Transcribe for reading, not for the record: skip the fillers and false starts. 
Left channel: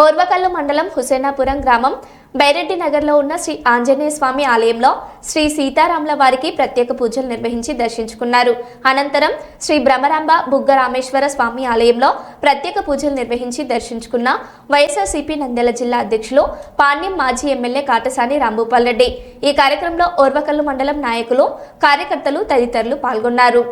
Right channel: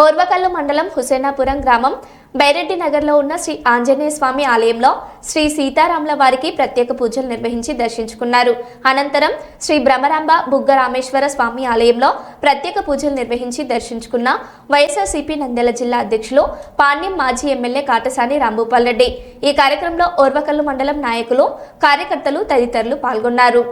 ఓర్వకల్లు మండలం హుసేనాపురం గ్రామం బైరెడ్డి నగర్లో ఉన్న శ్రీ ఆంజనేయ స్వామి ఆలయంలో శ్రీ సీతారాముల వారికి ప్రత్యేక పూజలు నిర్వహించి దర్శించుకున్నారు. అనంతరం శ్రీ బ్రహ్మరాంబ బుగ్గ రామేశ్వర స్వామి ఆలయంలో ప్రత్యేక పూజలు నిర్వహించి దర్శించుకున్న వైఎస్ఆర్సీపీ నంద్యాల జిల్లా అధ్యక్షులు పాణ్యం మాజీ ఎమ్మెల్యే కాటసాని రాంభూపాల్ రెడ్డి. ఈ కార్యక్రమంలో ఓర్వకల్లు మండలం నాయకులు, కార్యకర్తలు తదితరులు పాల్గొన్నారు.